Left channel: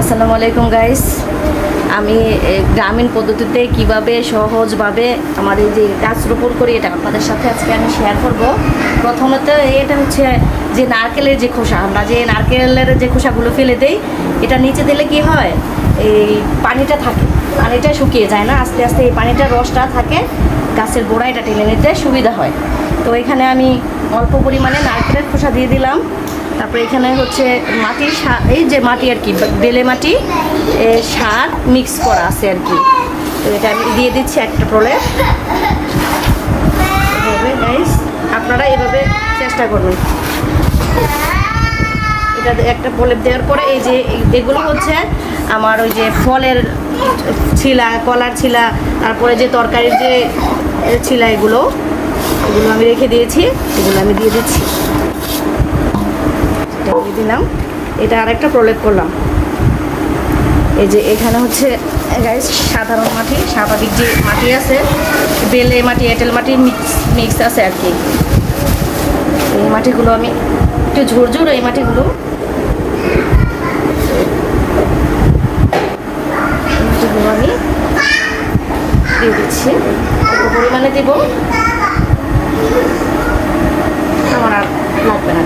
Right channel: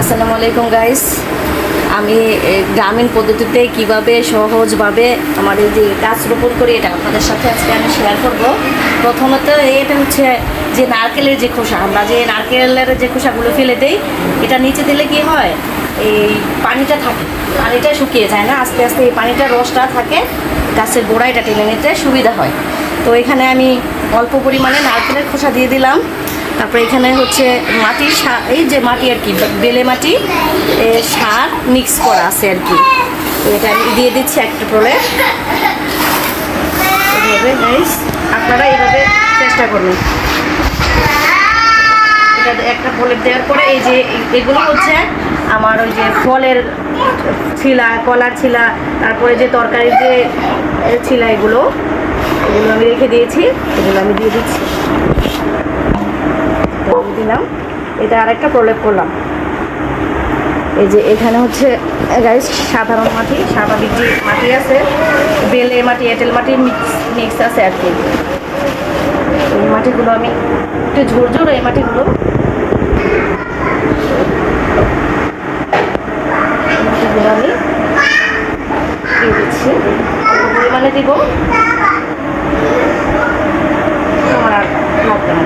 আসসালামু আলাইকুম গাইস। আমি গ্রামীণ পদ্ধতিতে কিভাবে সহজভাবে আমার এই যে গাছ রোপণ করি এটা আপনাদের সাথে আজকে আমি শেয়ার করব। প্রথমত এটা হচ্ছে যে নারকেলের যে খোসা, আমরা যে নারকেলের যে খোসাগুলো ফেলে দেই, এটা নিচে দিলে কি হয়, এই পানিটা থাকে, পানিটা শুকিয়ে যায় না, আস্তে আস্তে এই পানিটা রসটা থাকে, গাছের গোড়ায় এটা টেনে নিতে সুবিধা হয়। তো এখানে আমি অল্প পরিমাণে নারকেলের খোসা দিয়ে দিলাম। তারপরে এখানে হচ্ছে মাটির সার, এই যে মাটি আর কি, বেলে মাটি সার মিক্স করা আছে আর কি। তো এটা আমি দিয়ে দিচ্ছি একটা প্রলেপ। এভাবে গাইস আপনারা এভাবে চেষ্টা করবেন। এটা একটা প্রলেপ দেওয়ার পরে এই যে এগুলো হচ্ছে আমার ওই যে ফলের ছিলা, কলার ছিলা, তারপরে যে তরকারির যে ছিলা, এগুলো আমি রেখে দিয়েছি, এগুলো আমি দিয়ে দিচ্ছি। দিয়ে দিলাম, এটা আরেকটা প্রলেপ করলাম। এই যে এখানে হচ্ছে গাইস সাধারণ মাটি, স্বাভাবিক যে মাটি আছে, বেলে মাটি, এঁটেল মাটি মিক্স আছে আর কি। এই মাটিগুলো আমি একটু ঝুরঝুর, এই মাটিগুলো আমি দিয়ে দিচ্ছি, অল্প পরিমাণে দিব, আমার আর লাগবে না।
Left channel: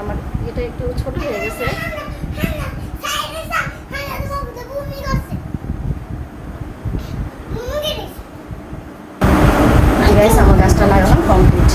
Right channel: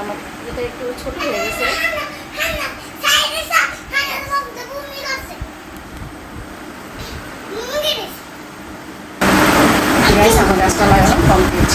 আমার এটা একটু ছোট হয়ে গেছে। আমার গাছটা লাগানো কমপ্লিট।